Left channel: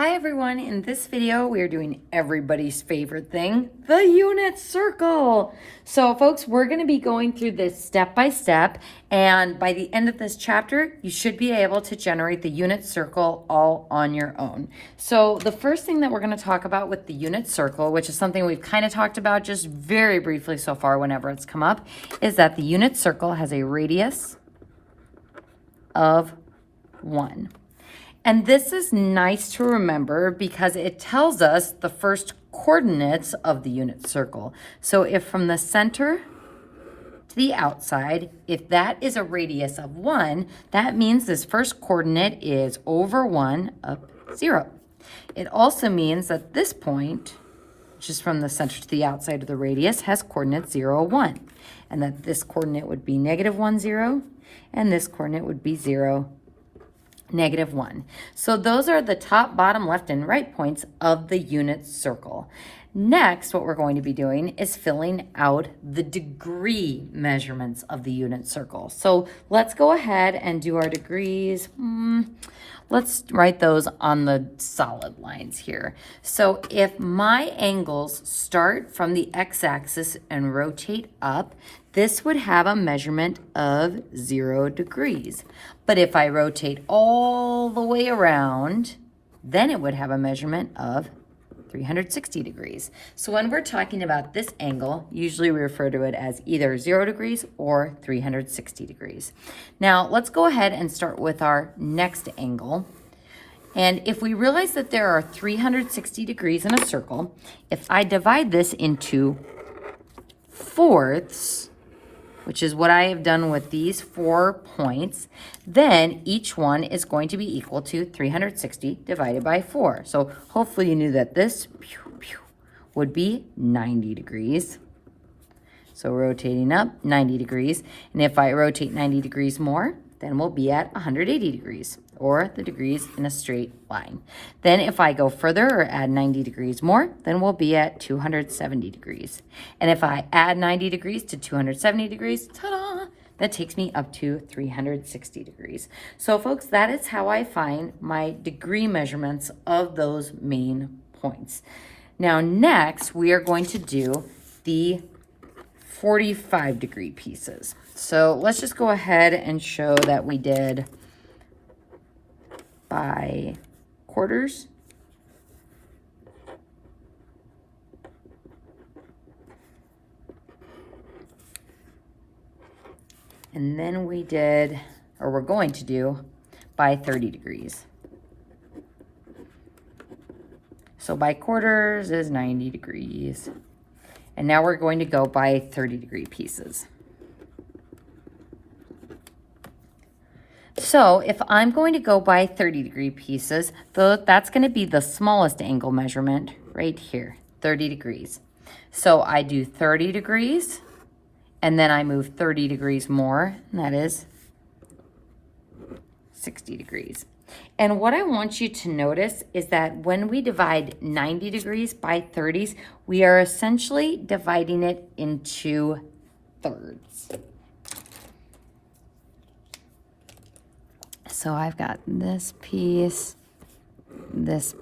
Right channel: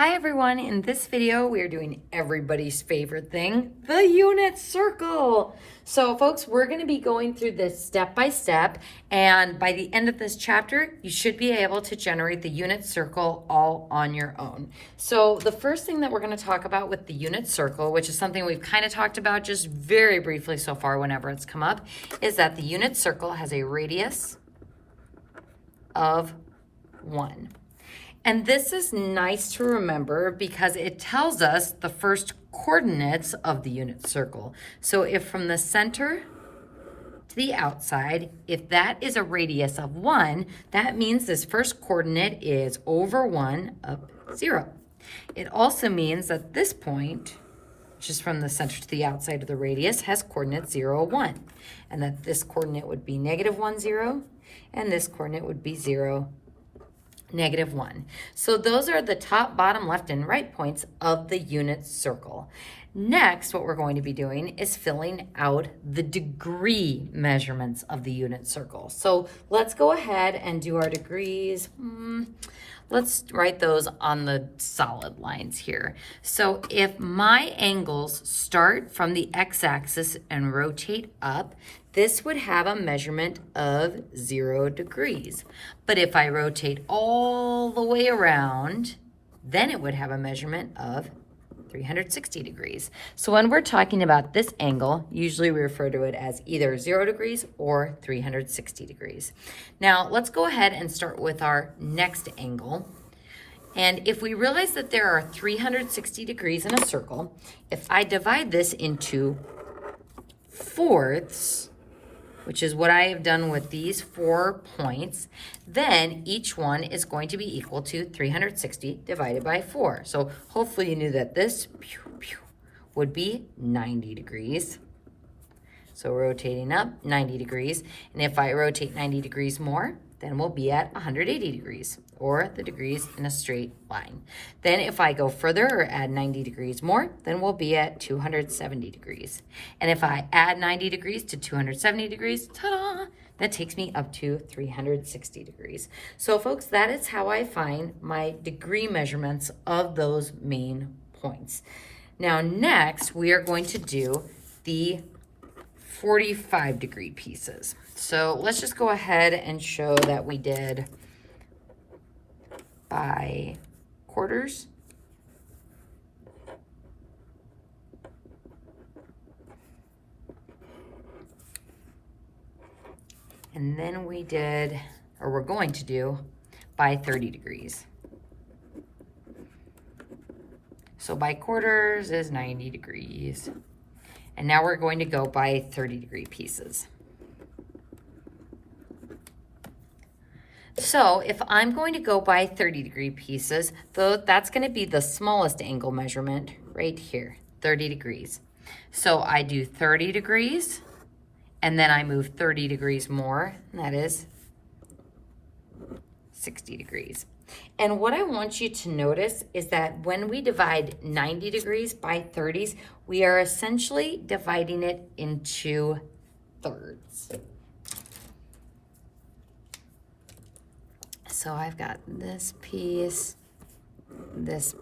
Hi everyone, in this video we are doing everybody's favorite thing, the unit circle. So folks, we're going to be going through this step by step, and by the end of this chapter you should be able to generate the unit circle all on your own. So the first thing that we're going to talk about with the unit circle, which is something we've kind of talked about just very briefly so far whenever it's come up, is that the unit circle has a radius of 1. And this is nice to remember because it tells us the first coordinates of the unit circle. So if from the center to the outside, if that is a radius of 1, that means this first coordinate is over 1 up 0. It also means that this point, which is from the center to the outside of the radius, has coordinates 0, 1. And that this coordinate would be -1, 0, and this coordinate would be 0, -1. So those are the top, bottom, left, and right points of the unit circle. Next, what we're going to be doing is filling out the degree measurements of the unit circle. So let's go ahead and do our degrees. Let's write those on the solid lines here. So if my angles start from the x-axis and rotate up, this would have a measurement of 0 degrees. But if I rotate all the way around, then it would have a measurement of 360 degrees. So when we're talking about this angle, usually we refer to it as either 0 degrees or 360 degrees. Now let's go ahead and start with our next angle. And if we realize that there are 360 degrees in a circle, if I divide this into fourths, which is what I have done with these 4 points, then each one is going to be equal to 360 divided by 4. So hopefully you knew that this would be 90 degrees. So rotating up 90 degrees. And if I rotate 90 degrees more, then we'll be at 180 degrees, or the degrees in a straight line. Then if I go further or add 90 degrees more, then we'll be at 270 degrees. And if I add 90 degrees to 270 degrees, ta-da, that takes me up to 360 degrees. So folks, that is how I find my degree measurements of those main points. Now next, we are going to do the 45 degree pieces. So let's just go ahead and show that we did by quarters. And then we did, or we're going to do, by 30 degrees. So by quarters is 90 degrees. And now we're going to go by 30 degree pieces. So if I'm going to go by 30 degree pieces, that's going to be the smallest angle measurement right here, 30 degrees. So I do 30 degrees, and then I move 30 degrees more, and that is 60 degrees. And what I want you to notice is that when we divide 90 degrees by 30s, we are essentially dividing it into thirds. So I've got this piece, and this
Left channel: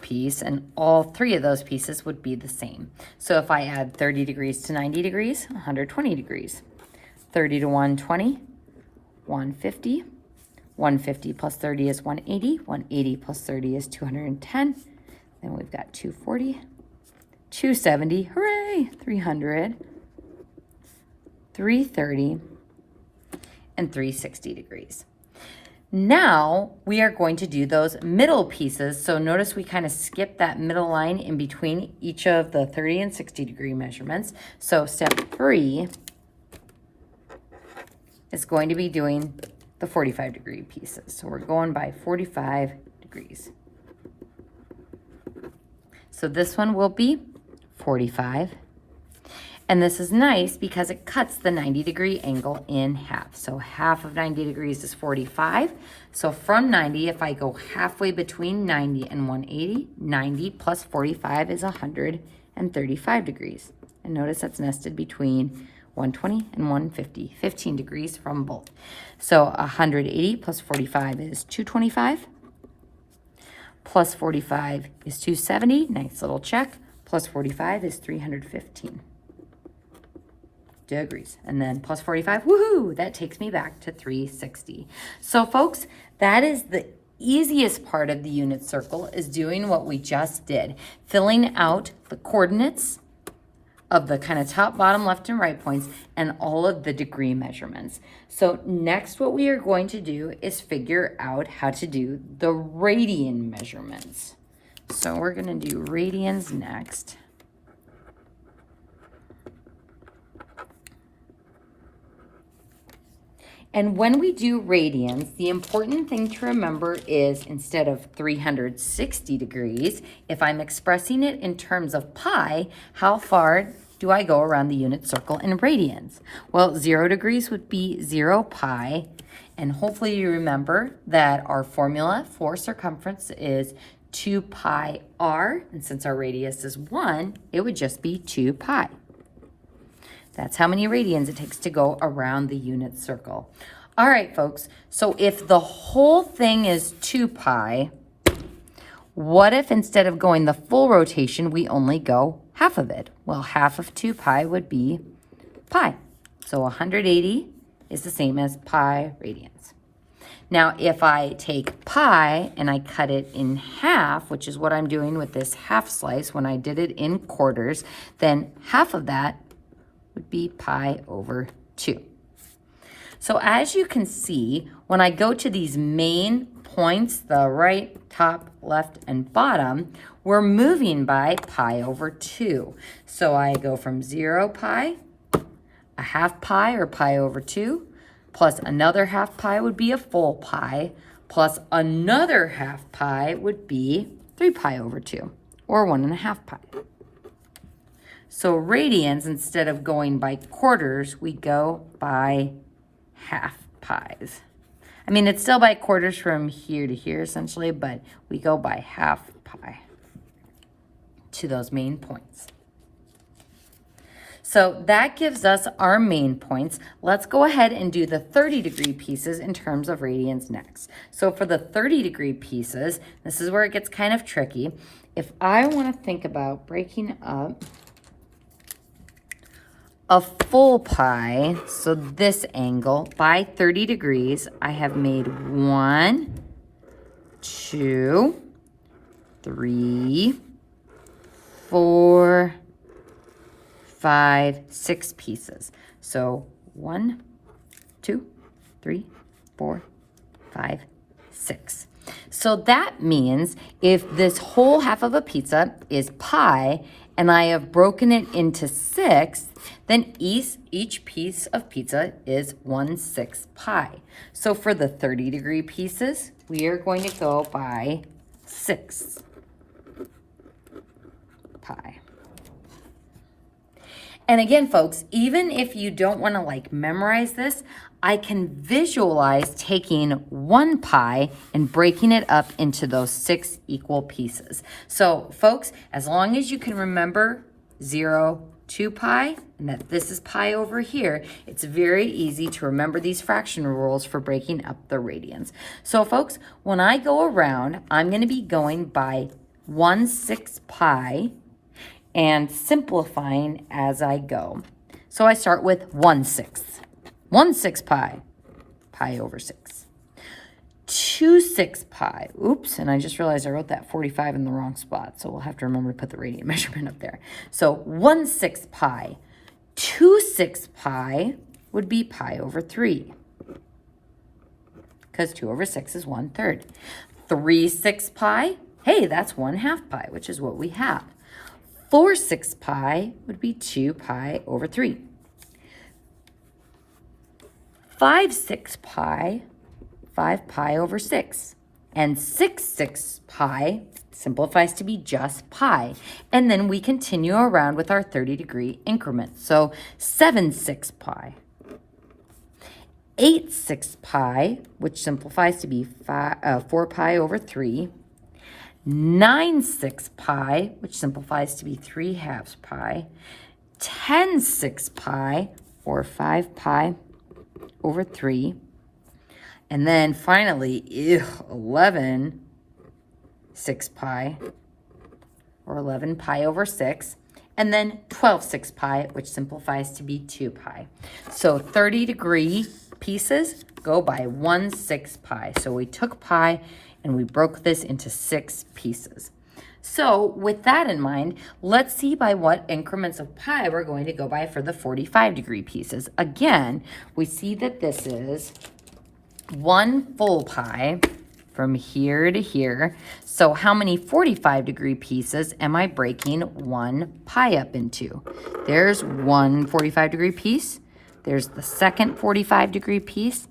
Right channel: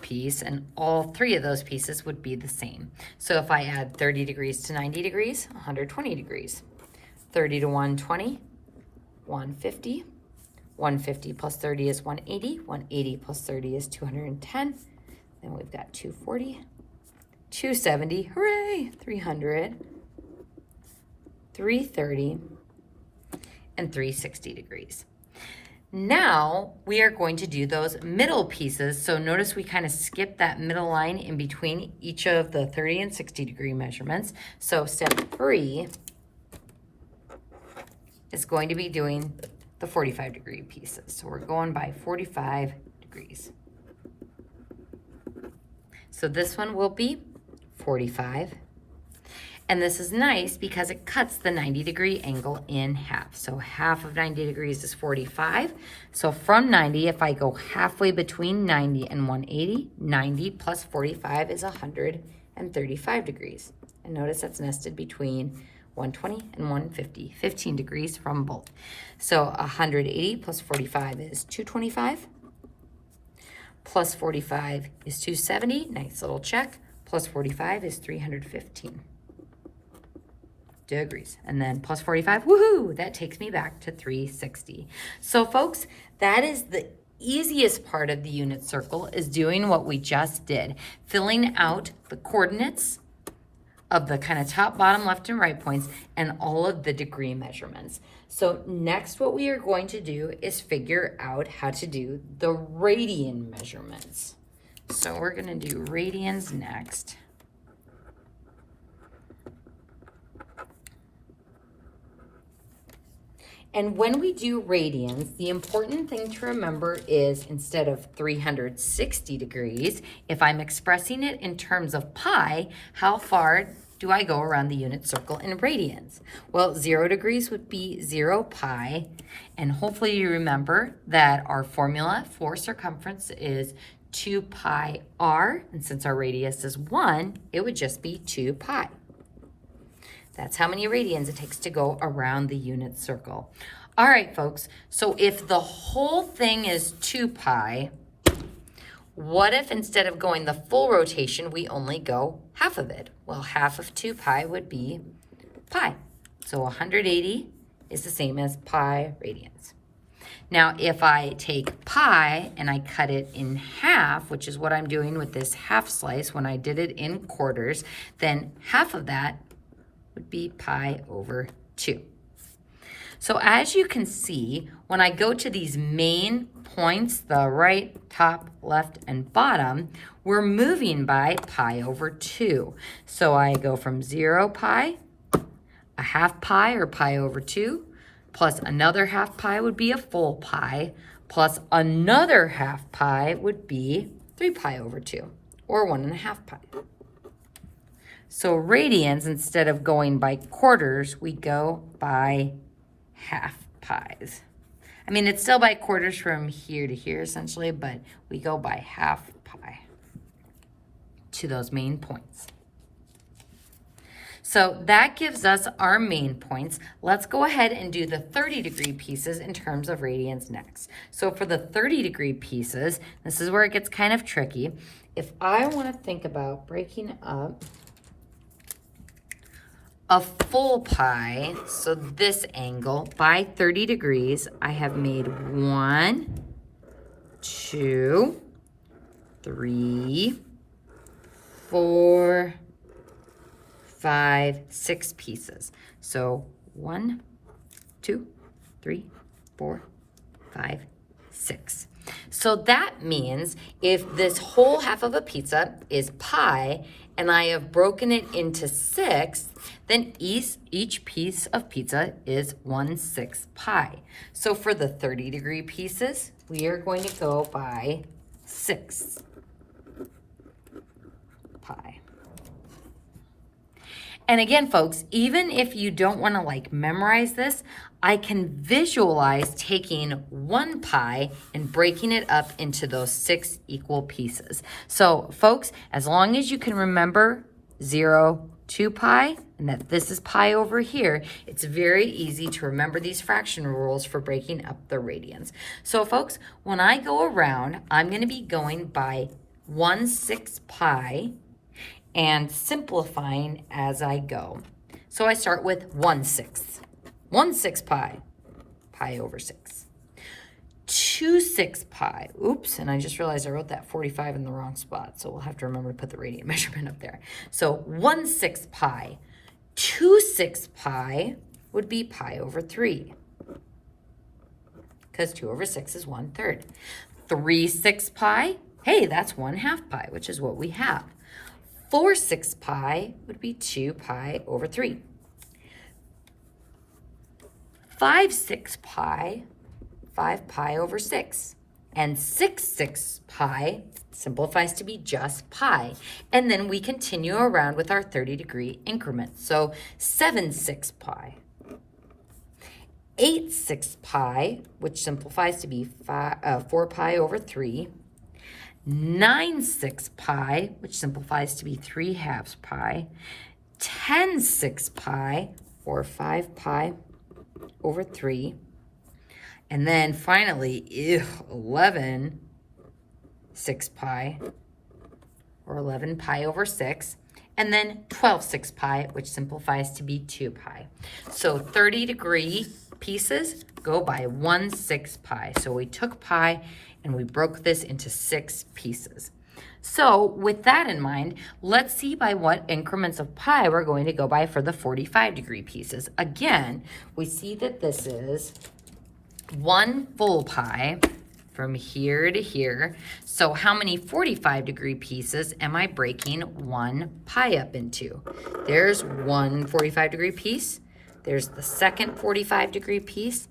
piece, and all 3 of those pieces would be the same. So if I add 30 degrees to 90 degrees, 120 degrees. 30 to 120, 150. 150 plus 30 is 180. 180 plus 30 is 210. Then we've got 240, 270, hooray, 300, 330, and 360 degrees. Now we are going to do those middle pieces. So notice we kind of skip that middle line in between each of the 30 and 60 degree measurements. So step 3 is going to be doing the 45 degree pieces. So we're going by 45 degrees. So this one will be 45. And this is nice because it cuts the 90 degree angle in half. So half of 90 degrees is 45. So from 90, if I go halfway between 90 and 180, 90 plus 45 is 135 degrees. And notice that's nested between 120 and 150, 15 degrees from both. So 180 plus 45 is 225. Plus 45 is 270. Nice little check. Plus 45 is 315 degrees. And then plus 45, woohoo, that takes me back to 360. So folks, that is the easiest part of the unit circle, is doing what we just did, filling out the coordinates of the kind of top, bottom, left, and right points, and all of the degree measurements. So next, what we are going to do is figure out how to do the radian measurements. So we're going to do radians next. And when we do radians, the important thing to remember is instead of 360 degrees, if I'm expressing it in terms of pi, how far do I go around the unit circle in radians? Well, 0 degrees would be 0 pi. And hopefully you remember that our formula for circumference is 2 pi r. And since our radius is 1, it would just be 2 pi. That's how many radians it takes to go around the unit circle. All right, folks, so if the whole thing is 2 pi, what if instead of going the full rotation, we only go half of it? Well, half of 2 pi would be pi. So 180 is the same as pi radians. Now, if I take pi and I cut it in half, which is what I'm doing with this half slice when I did it in quarters, then half of that would be pi over 2. So as you can see, when I go to these main points, the right, top, left, and bottom, we're moving by pi over 2. So I go from 0 pi, a half pi or pi over 2, plus another half pi would be a full pi, plus another half pi would be 3 pi over 2, or 1.5 pi. So radians, instead of going by quarters, we go by half pies. I mean, it's still by quarters from here to here, essentially, but we go by half pi to those main points. So that gives us our main points. Let's go ahead and do the 30-degree pieces in terms of radians next. So for the 30-degree pieces, this is where it gets kind of tricky. If I want to think about breaking up a full pi, so this angle, by 30 degrees, I have made 1, 2, 3, 4, 5, 6 pieces. So 1, 2, 3, 4, 5, 6. So that means if this whole half of a pizza is pi, and I have broken it into 6, then each piece of pizza is 1/6 pi. So for the 30-degree pieces, we are going to go by 6 pi. And again, folks, even if you don't want to memorize this, I can visualize taking 1 pi and breaking it up into those 6 equal pieces. So folks, as long as you can remember 0, 2 pi, and that this is pi over here, it's very easy to remember these fraction rules for breaking up the radians. So folks, when I go around, I'm going to be going by 1/6 pi and simplifying as I go. So I start with 1/6. 1/6 pi, pi over 6. 2/6 pi, oops, and I just realized I wrote that 45 in the wrong spot, so we'll have to remember to put the radian measurement up there. So 1/6 pi. 2/6 pi would be pi over 3, because 2 over 6 is 1/3. 3/6 pi, hey, that's 1/2 pi, which is what we have. 4/6 pi would be 2 pi over 3. 5/6 pi, 5 pi over 6. And 6/6 pi simplifies to be just pi. And then we continue around with our 30-degree increments. So 7/6 pi. 8/6 pi, which simplifies to be 4 pi over 3. 9/6 pi, which simplifies to be 3/2 pi. 10/6 pi, or 5 pi over 3. And then finally, 11 6 pi, or 11 pi over 6. And then 12 6 pi, which simplifies to be 2 pi. So 30-degree pieces go by 1 6 pi. So we took pi and we broke this into 6 pieces. So with that in mind, let's see by what increments of pi we're going to go by for the 45-degree pieces. Again, we see that this is 1 full pi from here to here. So how many 45-degree pieces am I breaking 1 pi up into? There's one 45-degree piece. There's the second 45-degree piece.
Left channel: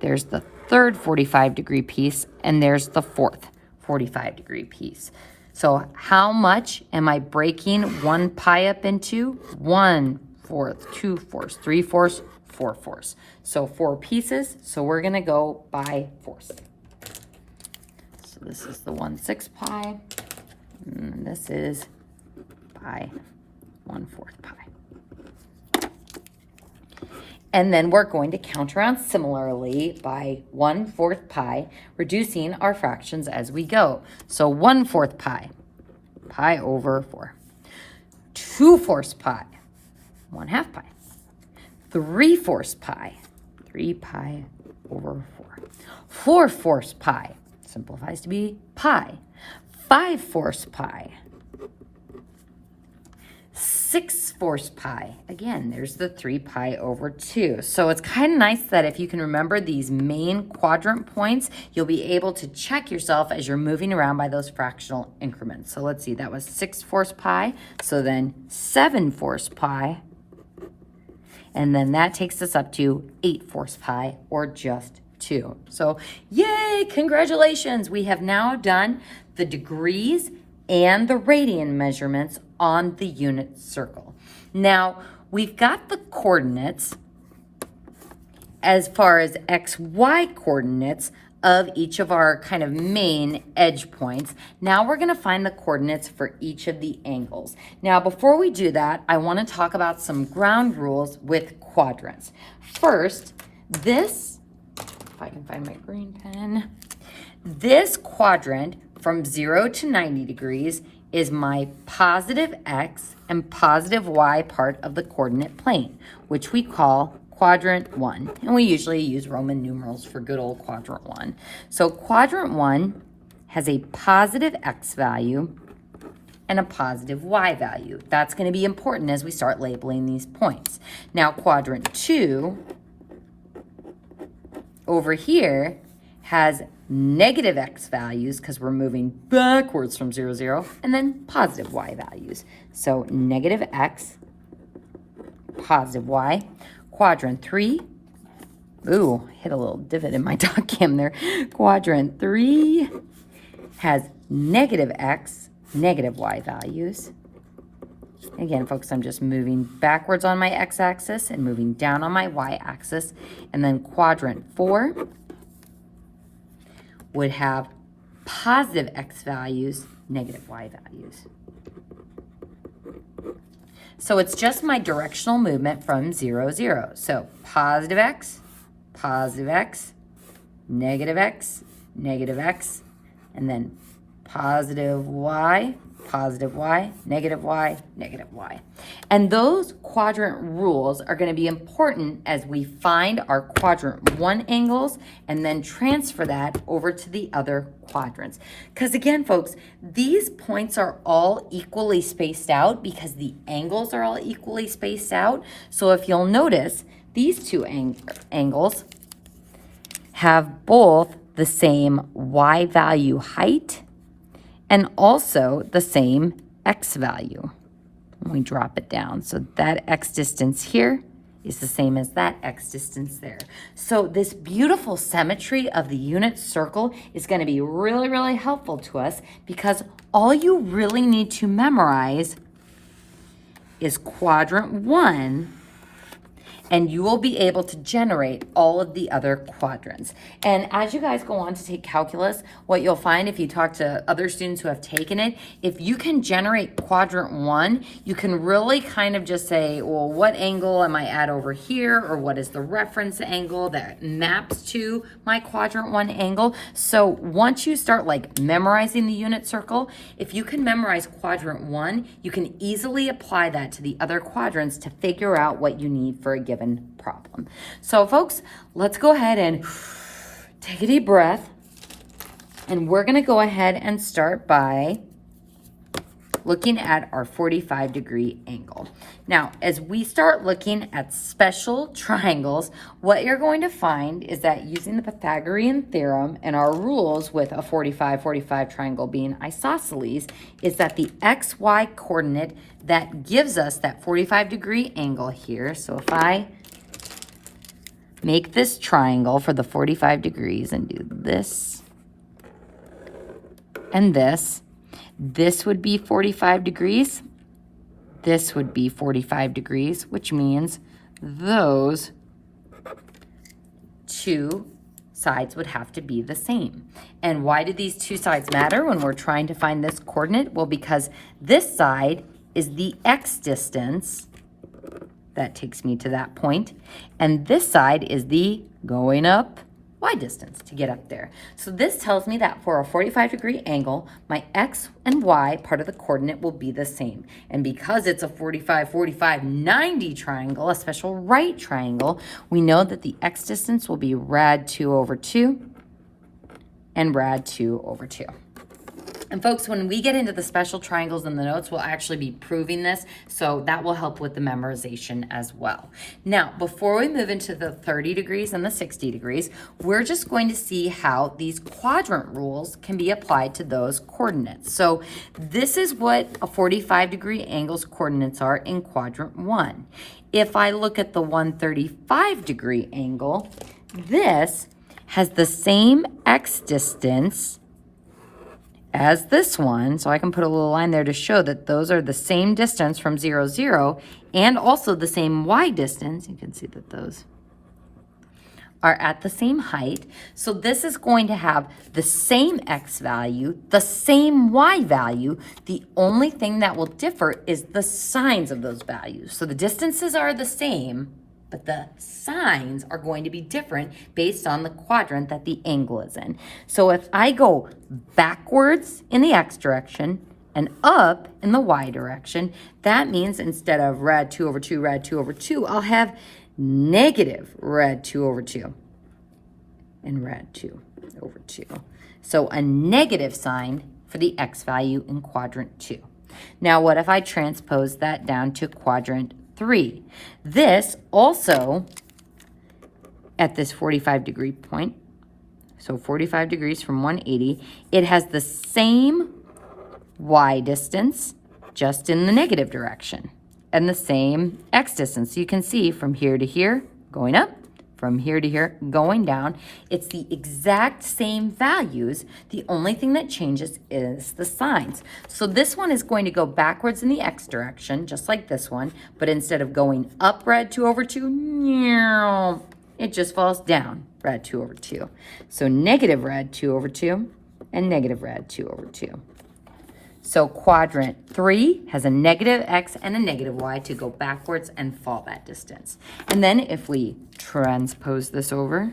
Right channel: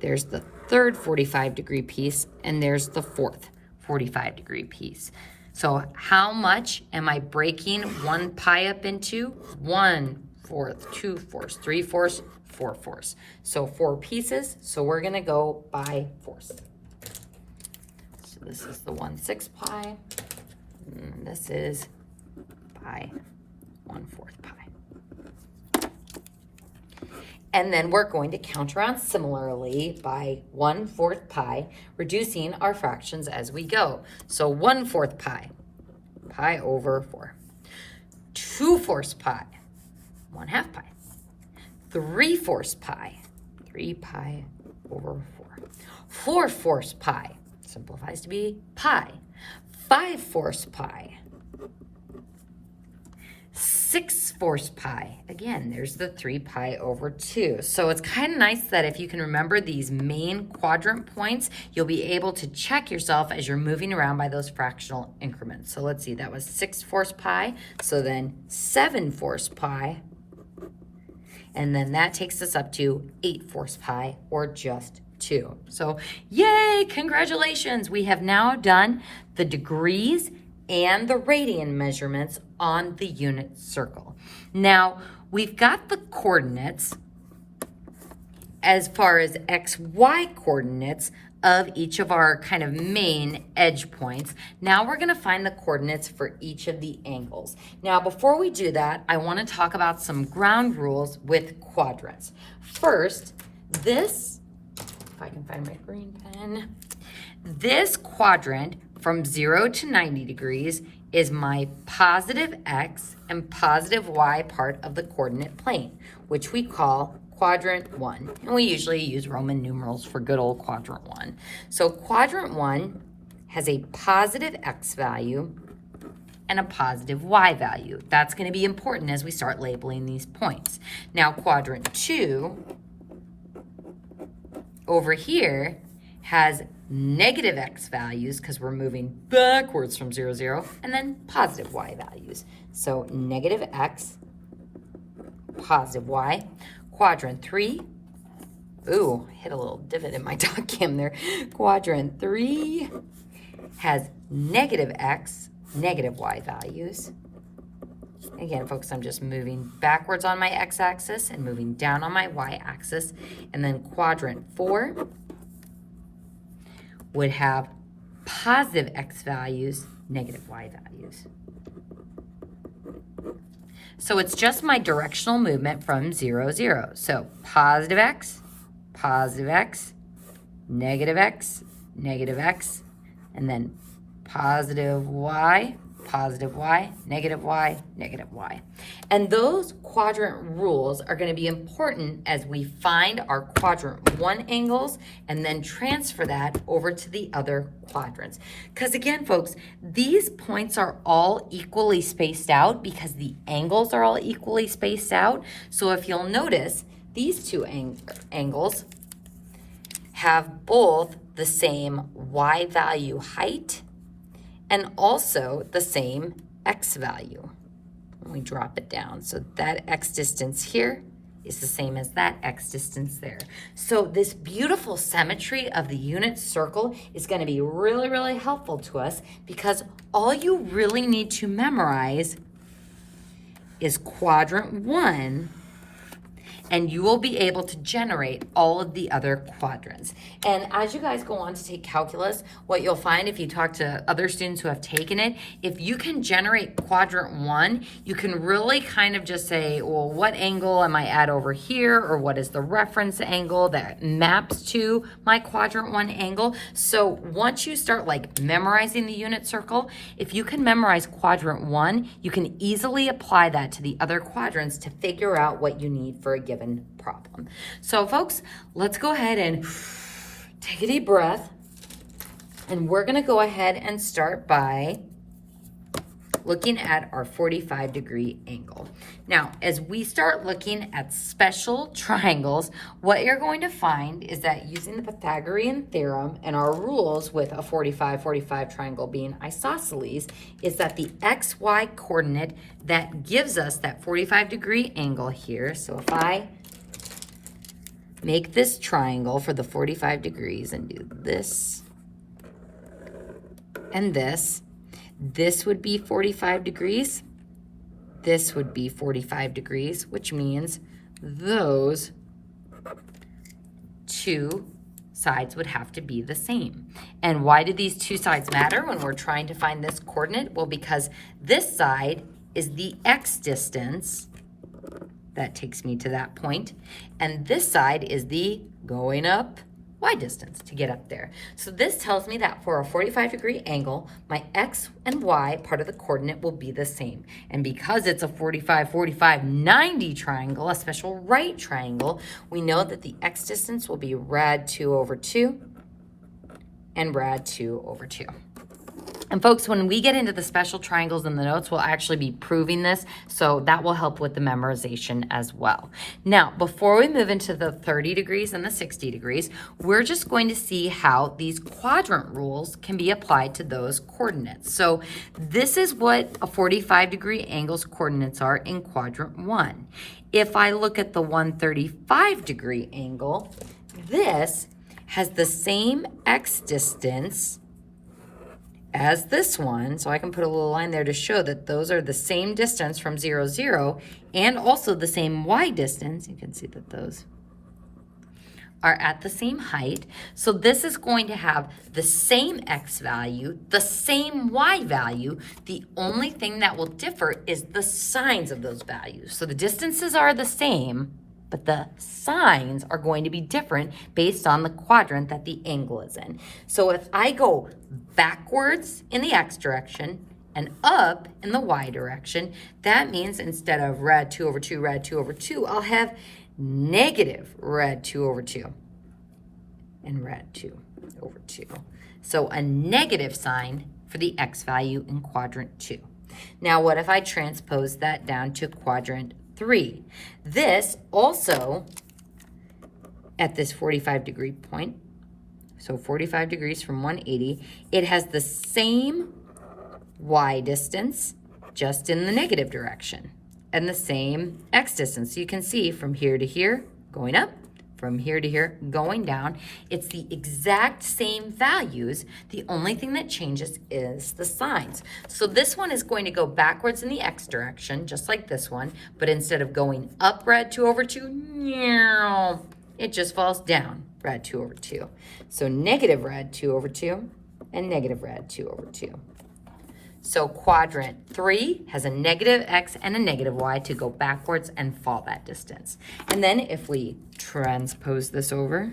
There's the third 45-degree piece. And there's the fourth 45-degree piece. So how much am I breaking 1 pi up into? 1 fourth, 2 fourths, 3 fourths, 4 fourths. So 4 pieces. So we're going to go by fourths. So this is the 1 6 pi. And this is by 1 4 pi. And then we're going to count around similarly by 1 4 pi, reducing our fractions as we go. So 1 4 pi, pi over 4. 2 4 pi, 1/2 pi. 3 4 pi, 3 pi over 4. 4 4 pi, simplifies to be pi. 5 4 pi. 6 4 pi. Again, there's the 3 pi over 2. So it's kind of nice that if you can remember these main quadrant points, you'll be able to check yourself as you're moving around by those fractional increments. So let's see, that was 6 4 pi. So then 7 4 pi. And then that takes us up to 8 4 pi, or just 2. So yay, congratulations. We have now done the degrees and the radian measurements on the unit circle. Now, we've got the coordinates as far as x, y coordinates of each of our kind of main edge points. Now we're going to find the coordinates for each of the angles. Now, before we do that, I want to talk about some ground rules with quadrants. First, this, if I can find my green pen, this quadrant from 0 to 90 degrees is my positive x and positive y part of the coordinate plane, which we call quadrant 1. And we usually use Roman numerals for good old quadrant 1. So quadrant 1 has a positive x value and a positive y value. That's going to be important as we start labeling these points. Now quadrant 2 over here has negative x values because we're moving backwards from 0, 0, and then positive y values. So negative x, positive y. Quadrant 3, ooh, hit a little divot in my dog cam there. Quadrant 3 has negative x, negative y values. Again, folks, I'm just moving backwards on my x-axis and moving down on my y-axis. And then quadrant 4 would have positive x values, negative y values. So it's just my directional movement from 0, 0. So positive x, negative x, and then positive y, negative y, negative y. And those quadrant rules are going to be important as we find our quadrant 1 angles and then transfer that over to the other quadrants. Because again, folks, these points are all equally spaced out because the angles are all equally spaced out. So if you'll notice, these two angles have both the same y value height and also the same x value. We drop it down. So that x distance here is the same as that x distance there. So this beautiful symmetry of the unit circle is going to be really, really helpful to us because all you really need to memorize is quadrant 1 and you will be able to generate all of the other quadrants. And as you guys go on to take calculus, what you'll find if you talk to other students who have taken it, if you can generate quadrant 1, you can really kind of just say, well, what angle am I at over here, or what is the reference angle that maps to my quadrant 1 angle? So once you start like memorizing the unit circle, if you can memorize quadrant 1, you can easily apply that to the other quadrants to figure out what you need for a given problem. So folks, let's go ahead and take a deep breath, and we're going to go ahead and start by looking at our 45-degree angle. Now, as we start looking at special triangles, what you're going to find is that using the Pythagorean theorem and our rules with a 45-45 triangle being isosceles, is that the XY coordinate that gives us that 45-degree angle here. So if I make this triangle for the 45 degrees and do this and this would be 45 degrees. This would be 45 degrees, which means those two sides would have to be the same. And why do these two sides matter when we're trying to find this coordinate? Well, because this side is the x distance. That takes me to that point. And this side is the going up y distance to get up there. So this tells me that for a 45-degree angle, my x and y part of the coordinate will be the same. And because it's a 45, 45, 90 triangle, a special right triangle, we know that the x distance will be rad 2 over 2 and rad 2 over 2. And folks, when we get into the special triangles in the notes, we'll actually be proving this, so that will help with the memorization as well. Now, before we move into the 30 degrees and the 60 degrees, we're just going to see how these quadrant rules can be applied to those coordinates. So this is what a 45-degree angle's coordinates are in quadrant 1. If I look at the 135-degree angle, this has the same x distance as this one, so I can put a little line there to show that those are the same distance from 0, 0, and also the same y distance. You can see that those are at the same height. So this is going to have the same x value, the same y value. The only thing that will differ is the signs of those values. So the distances are the same, but the signs are going to be different based on the quadrant that the angle is in. So if I go backwards in the x direction and up in the y direction, that means instead of rad 2 over 2, rad 2 over 2, I'll have negative rad 2 over 2 and rad 2 over 2. So a negative sign for the x value in quadrant 2. Now what if I transpose that down to quadrant 3? This also, at this 45-degree point, so 45 degrees from 180, it has the same y distance, just in the negative direction, and the same x distance. So you can see from here to here, going up, from here to here, going down. It's the exact same values. The only thing that changes is the signs. So this one is going to go backwards in the x direction, just like this one, but instead of going up rad 2 over 2, it just falls down rad 2 over 2. So negative rad 2 over 2 and negative rad 2 over 2. So quadrant 3 has a negative x and a negative y to go backwards and fall that distance. And then if we transpose this over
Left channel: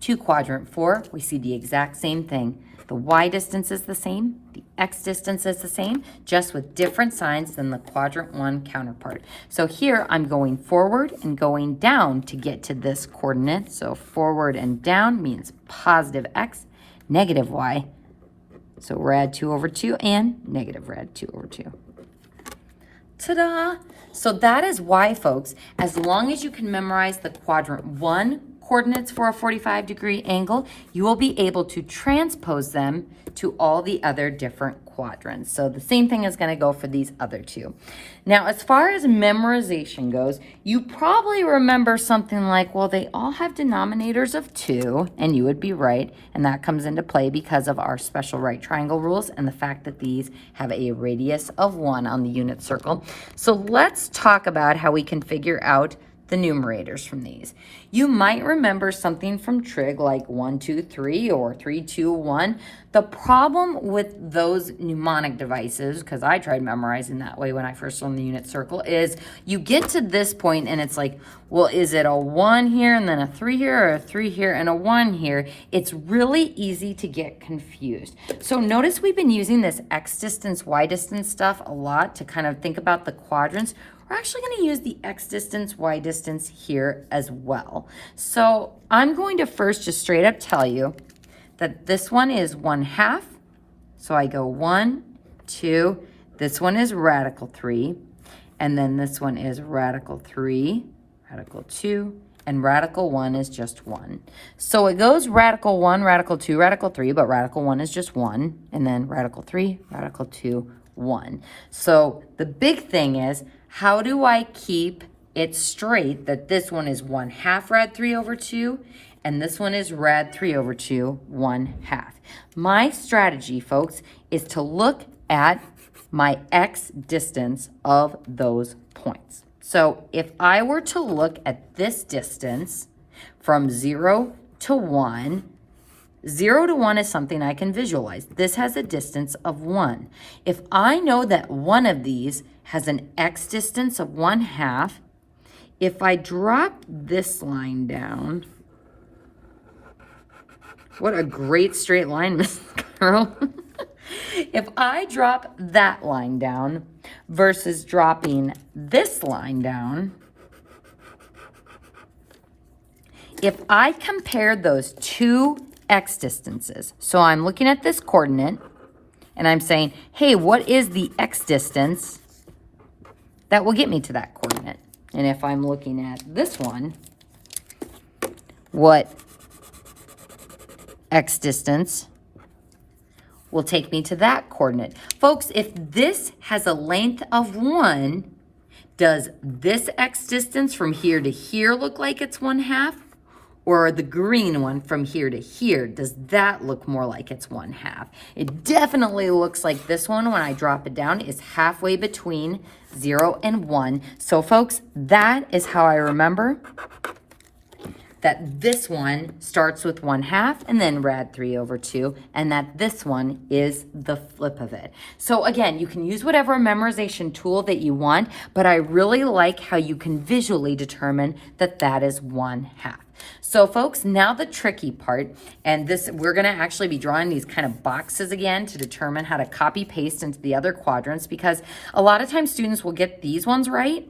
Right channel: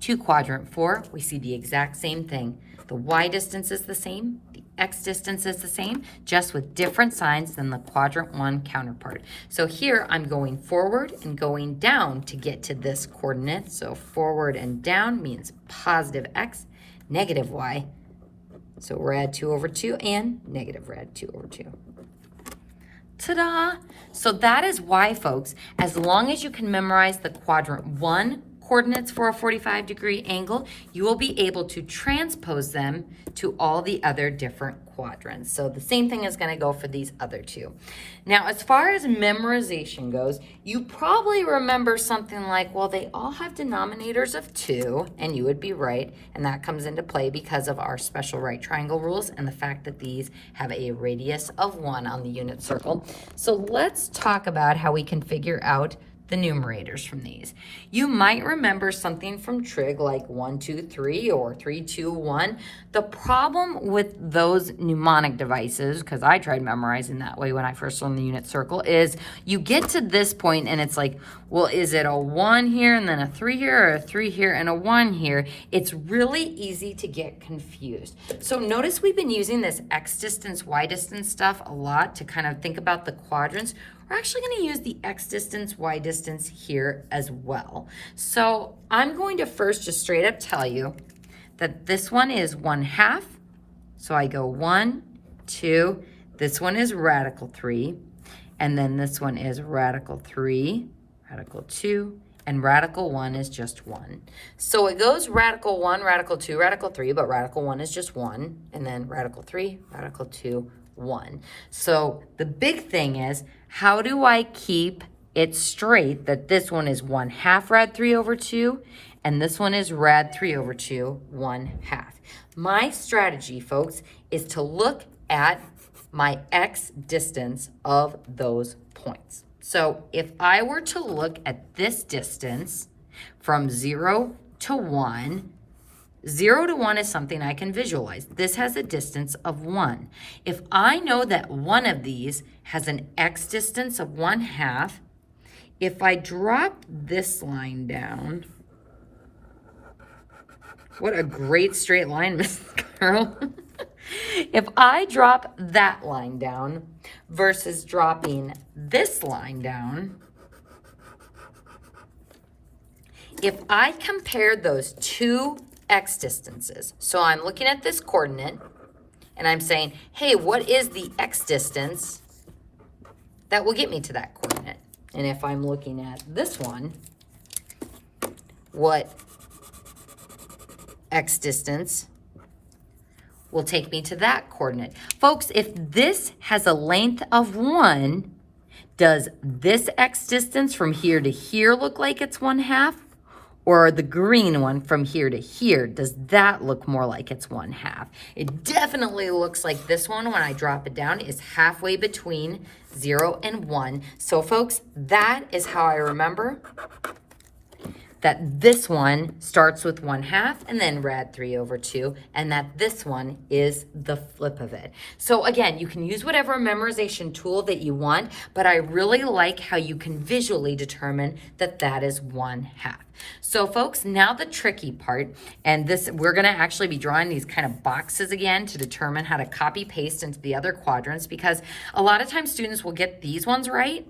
to quadrant 4, we see the exact same thing. The y distance is the same, the x distance is the same, just with different signs than the quadrant 1 counterpart. So here I'm going forward and going down to get to this coordinate. So forward and down means positive x, negative y. So rad 2 over 2 and negative rad 2 over 2. Ta-da! So that is why, folks, as long as you can memorize the quadrant 1 coordinates for a 45-degree angle, you will be able to transpose them to all the other different quadrants. So the same thing is going to go for these other two. Now, as far as memorization goes, you probably remember something like, well, they all have denominators of 2, and you would be right, and that comes into play because of our special right triangle rules and the fact that these have a radius of 1 on the unit circle. So let's talk about how we can figure out the numerators from these. You might remember something from trig like 1, 2, 3 or 3, 2, 1. The problem with those mnemonic devices, because I tried memorizing that way when I first learned the unit circle, is you get to this point and it's like, well, is it a 1 here and then a 3 here, or a 3 here and a 1 here? It's really easy to get confused. So notice we've been using this x distance, y distance stuff a lot to kind of think about the quadrants. We're actually going to use the x distance, y distance here as well. So I'm going to first just straight up tell you that this one is 1/2. So I go 1, 2. This one is radical 3. And then this one is radical 3, radical 2, and radical 1 is just 1. So it goes radical 1, radical 2, radical 3, but radical 1 is just 1. And then radical 3, radical 2, 1. So the big thing is, how do I keep it straight that this one is 1/2 rad 3 over 2 and this one is rad 3 over 2, 1/2. My strategy, folks, is to look at my x distance of those points. So if I were to look at this distance from 0 to 1, 0 to 1 is something I can visualize. This has a distance of 1. If I know that one of these has an x distance of 1/2, if I drop this line down, what a great straight line, Miss Carol. If I drop that line down versus dropping this line down, if I compare those two x distances, so I'm looking at this coordinate and I'm saying, hey, what is the x distance that will get me to that coordinate? And if I'm looking at this one, what x distance will take me to that coordinate? Folks, if this has a length of 1, does this x distance from here to here look like it's 1/2? Or the green one from here to here, does that look more like it's 1/2? It definitely looks like this one, when I drop it down, is halfway between 0 and 1. So folks, that is how I remember that this one starts with 1/2 and then rad 3 over 2, and that this one is the flip of it. So again, you can use whatever memorization tool that you want, but I really like how you can visually determine that that is 1/2. So folks, now the tricky part, and this, we're gonna actually be drawing these kind of boxes again to determine how to copy paste into the other quadrants, because a lot of times students will get these ones right,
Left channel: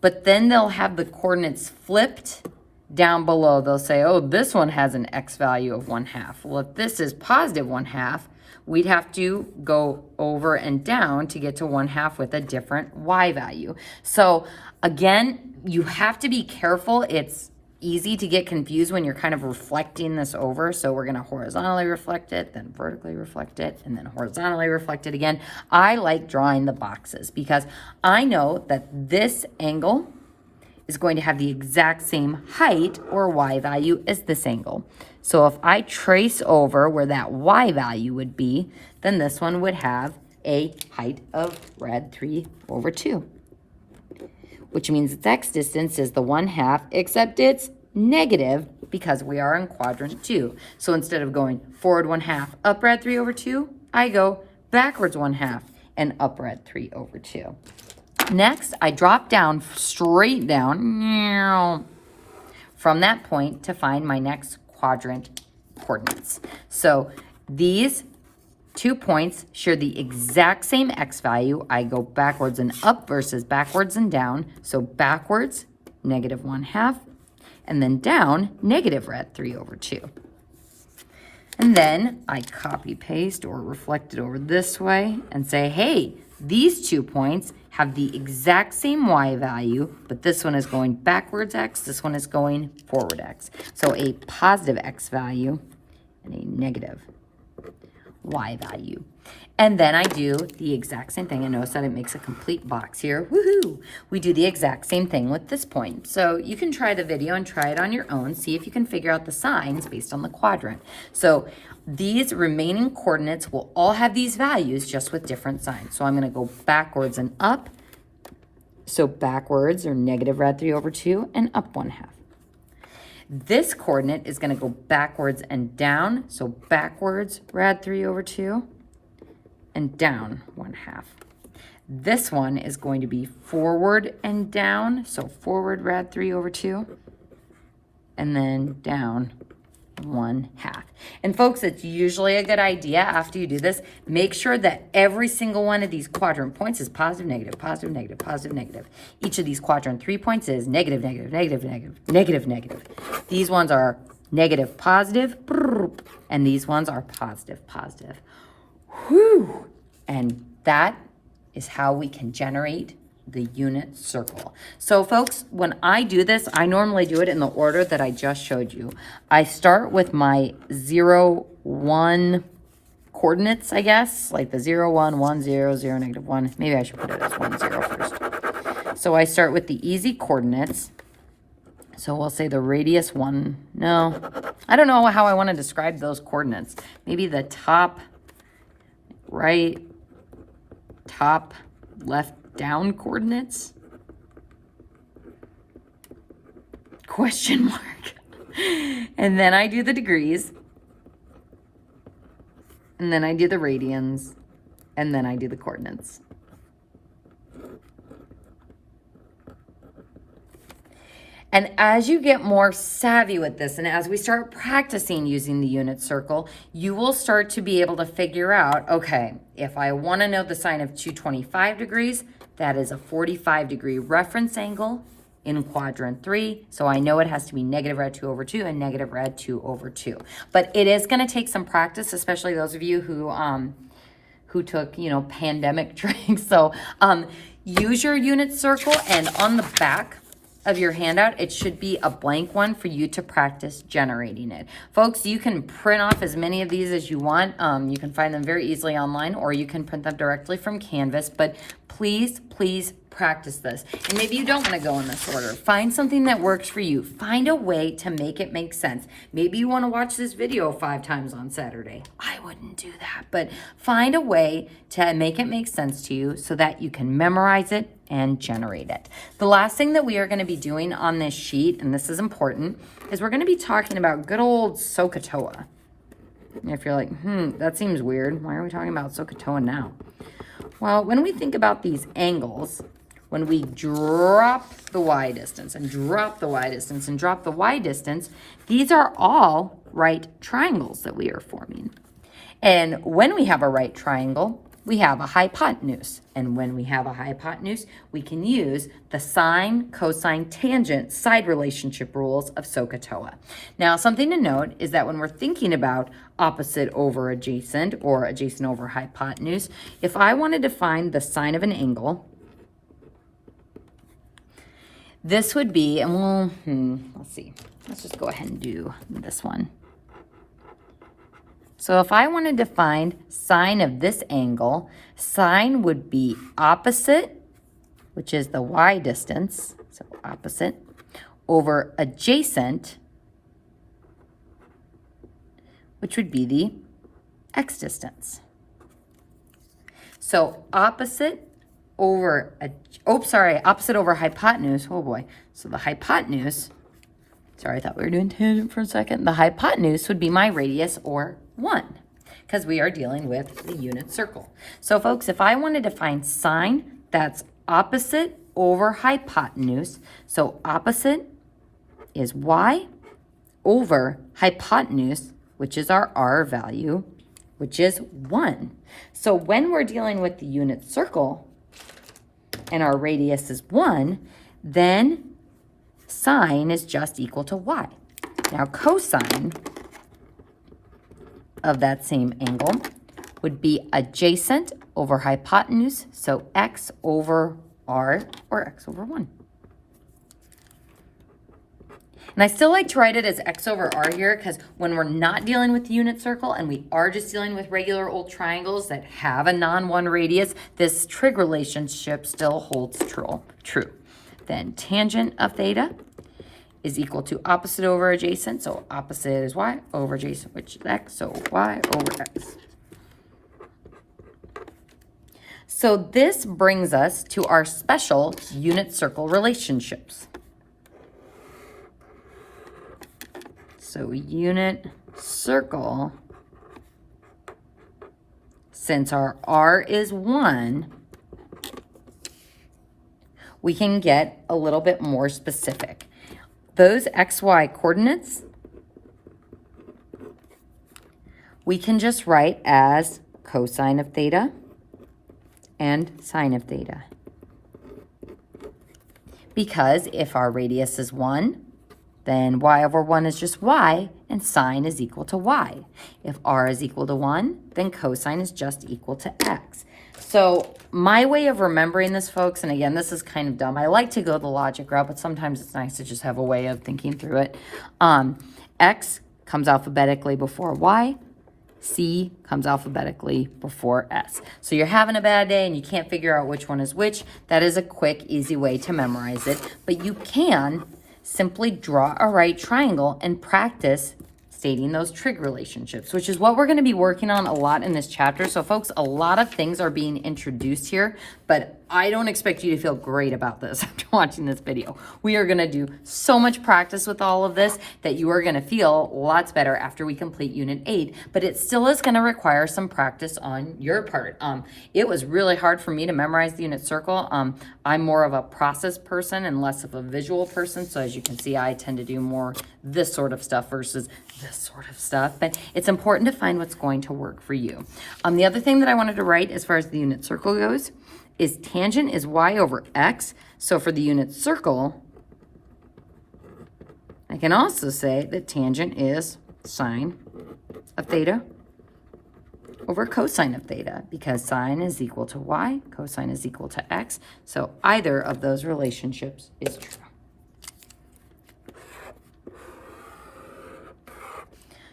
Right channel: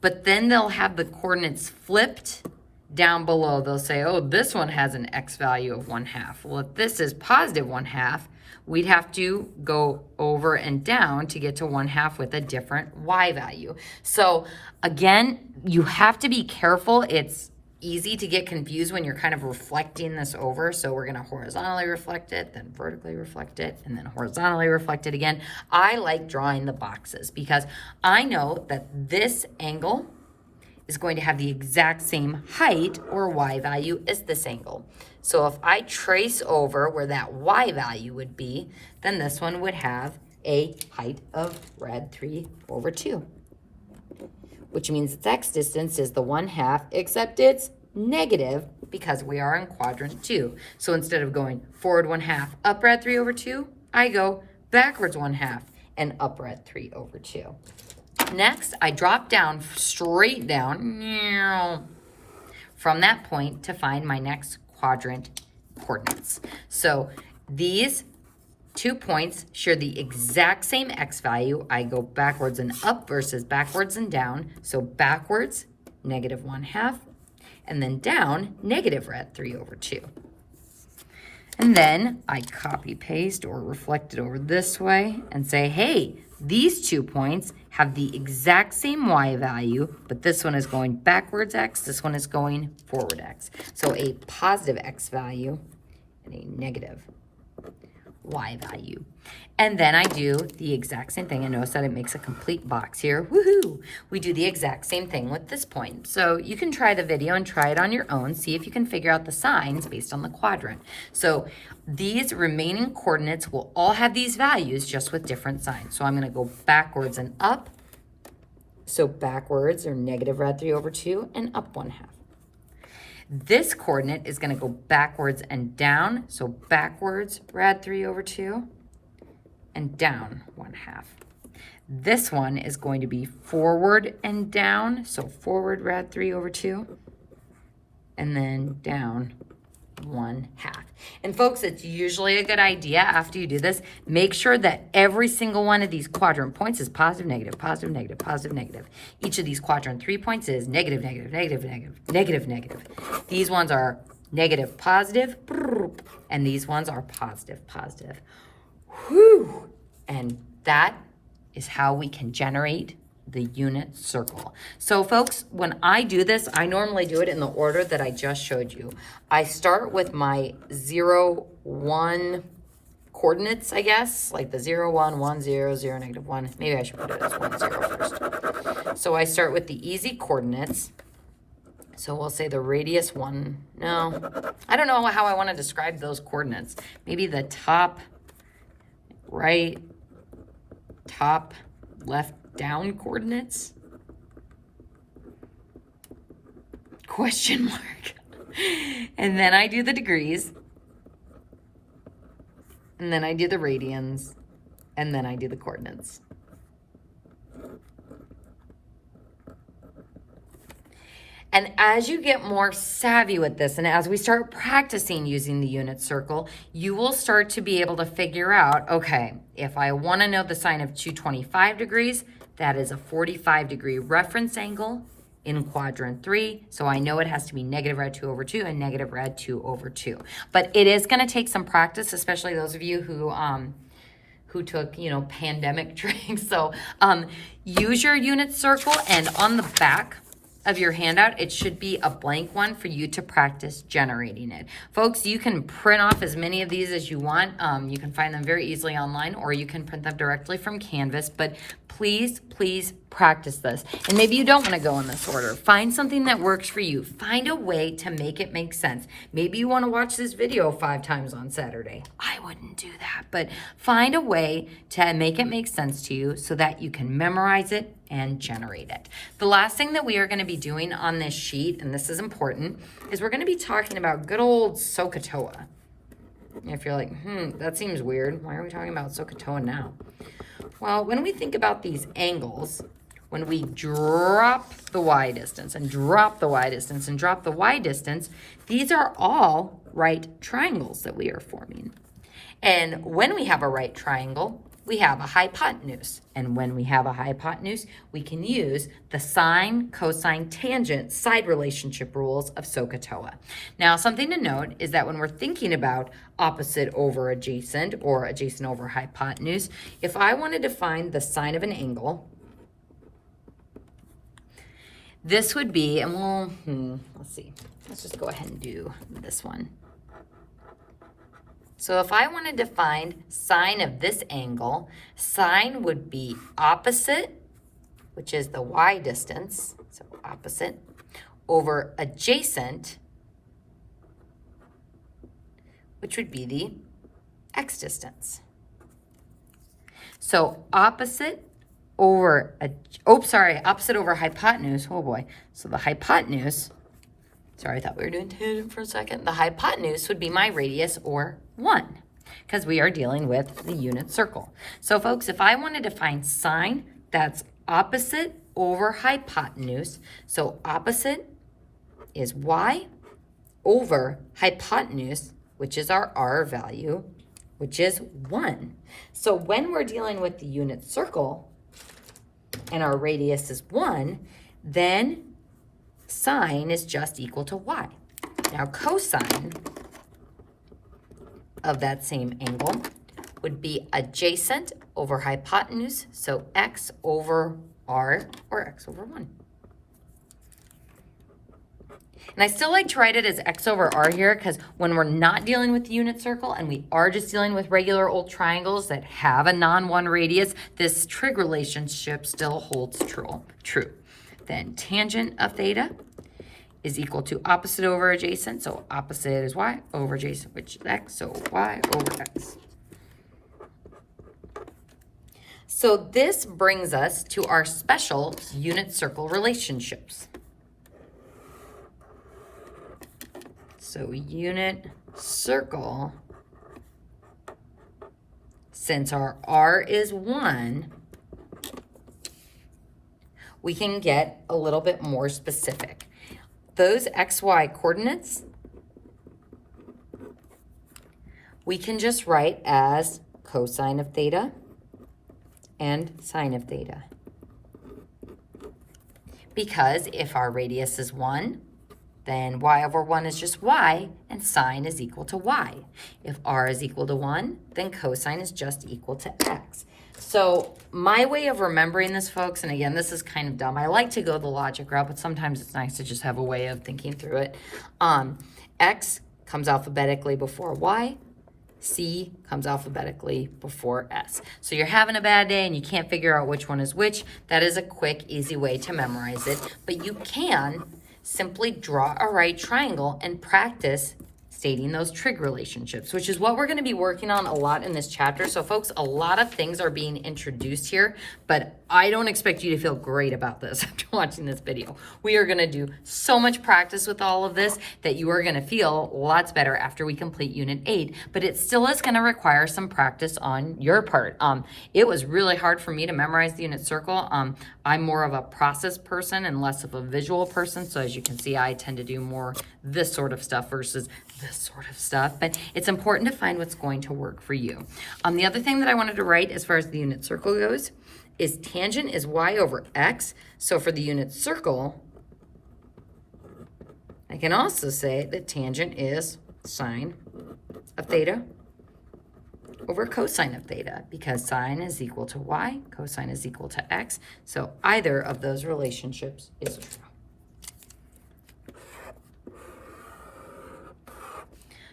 but then they'll have the coordinates flipped down below. They'll say, oh, this one has an x value of 1/2. Well, if this is positive 1/2, we'd have to go over and down to get to 1/2 with a different y value. So again, you have to be careful. It's easy to get confused when you're kind of reflecting this over. So we're going to horizontally reflect it, then vertically reflect it, and then horizontally reflect it again. I like drawing the boxes because I know that this angle is going to have the exact same height or y value as this angle. So if I trace over where that y value would be, then this one would have a height of rad 3 over 2. Which means its x distance is the 1/2, except it's negative because we are in quadrant 2. So instead of going forward 1/2, up rad 3 over 2, I go backwards 1/2 and up rad 3 over 2. Next, I drop down, straight down, from that point to find my next quadrant coordinates. So these 2 points share the exact same x value. I go backwards and up versus backwards and down. So backwards, negative 1/2, and then down, negative rad 3 over 2. And then I copy paste or reflect it over this way and say, hey, these 2 points have the exact same y value, but this one is going backwards x, this one is going forward x. So a positive x value and a negative y value. And then I do the exact same thing. And notice that it makes a complete box here. Woohoo! We do the exact same thing with this point. So you can try the video and try it on your own. See if you can figure out the signs based on the quadrant. So these remaining coordinates will all have these values just with different signs. So I'm going to go backwards and up. So backwards are negative rad 3 over 2 and up 1/2. This coordinate is going to go backwards and down. So backwards rad 3 over 2 and down 1/2. This one is going to be forward and down. So forward rad 3 over 2 and then down 1/2. And folks, it's usually a good idea after you do this, make sure that every single one of these quadrant points is positive, negative, positive, negative, positive, negative. Each of these quadrant 3 points is negative, negative, negative, negative, negative, negative. These ones are negative, positive, and these ones are positive, positive. Whew! And that is how we can generate the unit circle. So folks, when I do this, I normally do it in the order that I just showed you. I start with my 0, 1 coordinates, I guess, like the 0, 1, 1, 0, 0, negative 1. Maybe I should put it as 1, 0 first. So I start with the easy coordinates. So we'll say the radius 1. No, I don't know how I want to describe those coordinates. Maybe the top right, top left down coordinates? Question mark. And then I do the degrees. And then I do the radians. And then I do the coordinates. And as you get more savvy with this, and as we start practicing using the unit circle, you will start to be able to figure out, okay, if I want to know the sine of 225 degrees, that is a 45-degree reference angle in quadrant 3. So I know it has to be negative rad 2 over 2 and negative rad 2 over 2. But it is going to take some practice, especially those of you who took, pandemic tricks. So use your unit circle, and on the back of your handout, it should be a blank one for you to practice generating it. Folks, you can print off as many of these as you want. You can find them very easily online, or you can print them directly from Canvas, but please practice this. And maybe you don't want to go in this order. Find something that works for you. Find a way to make it make sense. Maybe you want to watch this video 5 times on Saturday. I wouldn't do that, but find a way to make it make sense to you so that you can memorize it and generate it. The last thing that we are going to be doing on this sheet, and this is important, is we're going to be talking about good old SOHCAHTOA. If you're like, that seems weird. Why are we talking about SOHCAHTOA now? Well, when we think about these angles, when we drop the y distance and drop the y distance and drop the y distance, these are all right triangles that we are forming. And when we have a right triangle, we have a hypotenuse. And when we have a hypotenuse, we can use the sine, cosine, tangent, side relationship rules of SOHCAHTOA. Now, something to note is that when we're thinking about opposite over adjacent or adjacent over hypotenuse, if I wanted to find the sine of an angle, this would be, and let's see. Let's just go ahead and do this one. So if I wanted to find sine of this angle, sine would be opposite, which is the y distance, so opposite, over adjacent, which would be the x distance. So opposite over, opposite over hypotenuse, oh boy. So the hypotenuse, sorry, I thought we were doing tangent for a second. The hypotenuse would be my radius, or 1, because we are dealing with the unit circle. So folks, if I wanted to find sine, that's opposite over hypotenuse. So opposite is y over hypotenuse, which is our r value, which is 1. So when we're dealing with the unit circle and our radius is 1, then sine is just equal to y. Now cosine of that same angle would be adjacent over hypotenuse, so x over r, or x over 1. And I still like to write it as x over r here because when we're not dealing with the unit circle and we are just dealing with regular old triangles that have a non-1 radius, this trig relationship still holds true. Then tangent of theta is equal to opposite over adjacent. So opposite is y over adjacent, which is x, so y over x. So this brings us to our special unit circle relationships. So unit circle, since our r is 1, we can get a little bit more specific. Those xy coordinates, we can just write as cosine of theta and sine of theta. Because if our radius is 1, then y over 1 is just y, and sine is equal to y. If r is equal to 1, then cosine is just equal to x. So my way of remembering this, folks, and again, this is kind of dumb. I like to go the logic route, but sometimes it's nice to just have a way of thinking through it. X comes alphabetically before y. C comes alphabetically before S. So you're having a bad day and you can't figure out which one is which. That is a quick, easy way to memorize it. But you can simply draw a right triangle and practice stating those trig relationships, which is what we're going to be working on a lot in this chapter. So folks, a lot of things are being introduced here, but I don't expect you to feel great about this after watching this video. We are going to do so much practice with all of this that you are going to feel lots better after we complete Unit 8, but it still is going to require some practice on your part. It was really hard for me to memorize the unit circle. I'm more of a process person and less of a visual person, so as you can see, I tend to do more this sort of stuff versus this sort of stuff, but it's important to find what's going to work for you. The other thing that I wanted to write as far as the unit circle goes is tangent is y over x. So for the unit circle, I can also say that tangent is sine of theta over cosine of theta, because sine is equal to y, cosine is equal to x. So either of those relationships is true.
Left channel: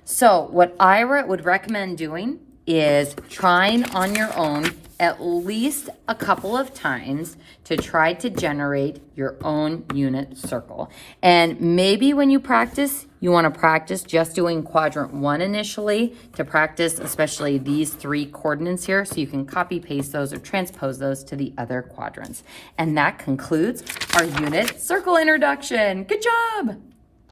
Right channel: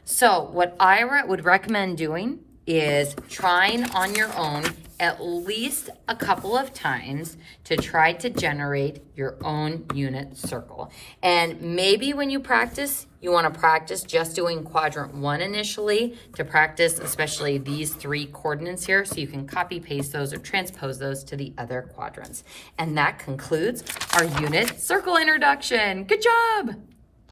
So what I would recommend doing is trying on your own at least a couple of times to try to generate your own unit circle. And maybe when you practice, you want to practice just doing quadrant 1 initially to practice especially these 3 coordinates here, so you can copy paste those or transpose those to the other quadrants. And that concludes our unit circle introduction. Good job!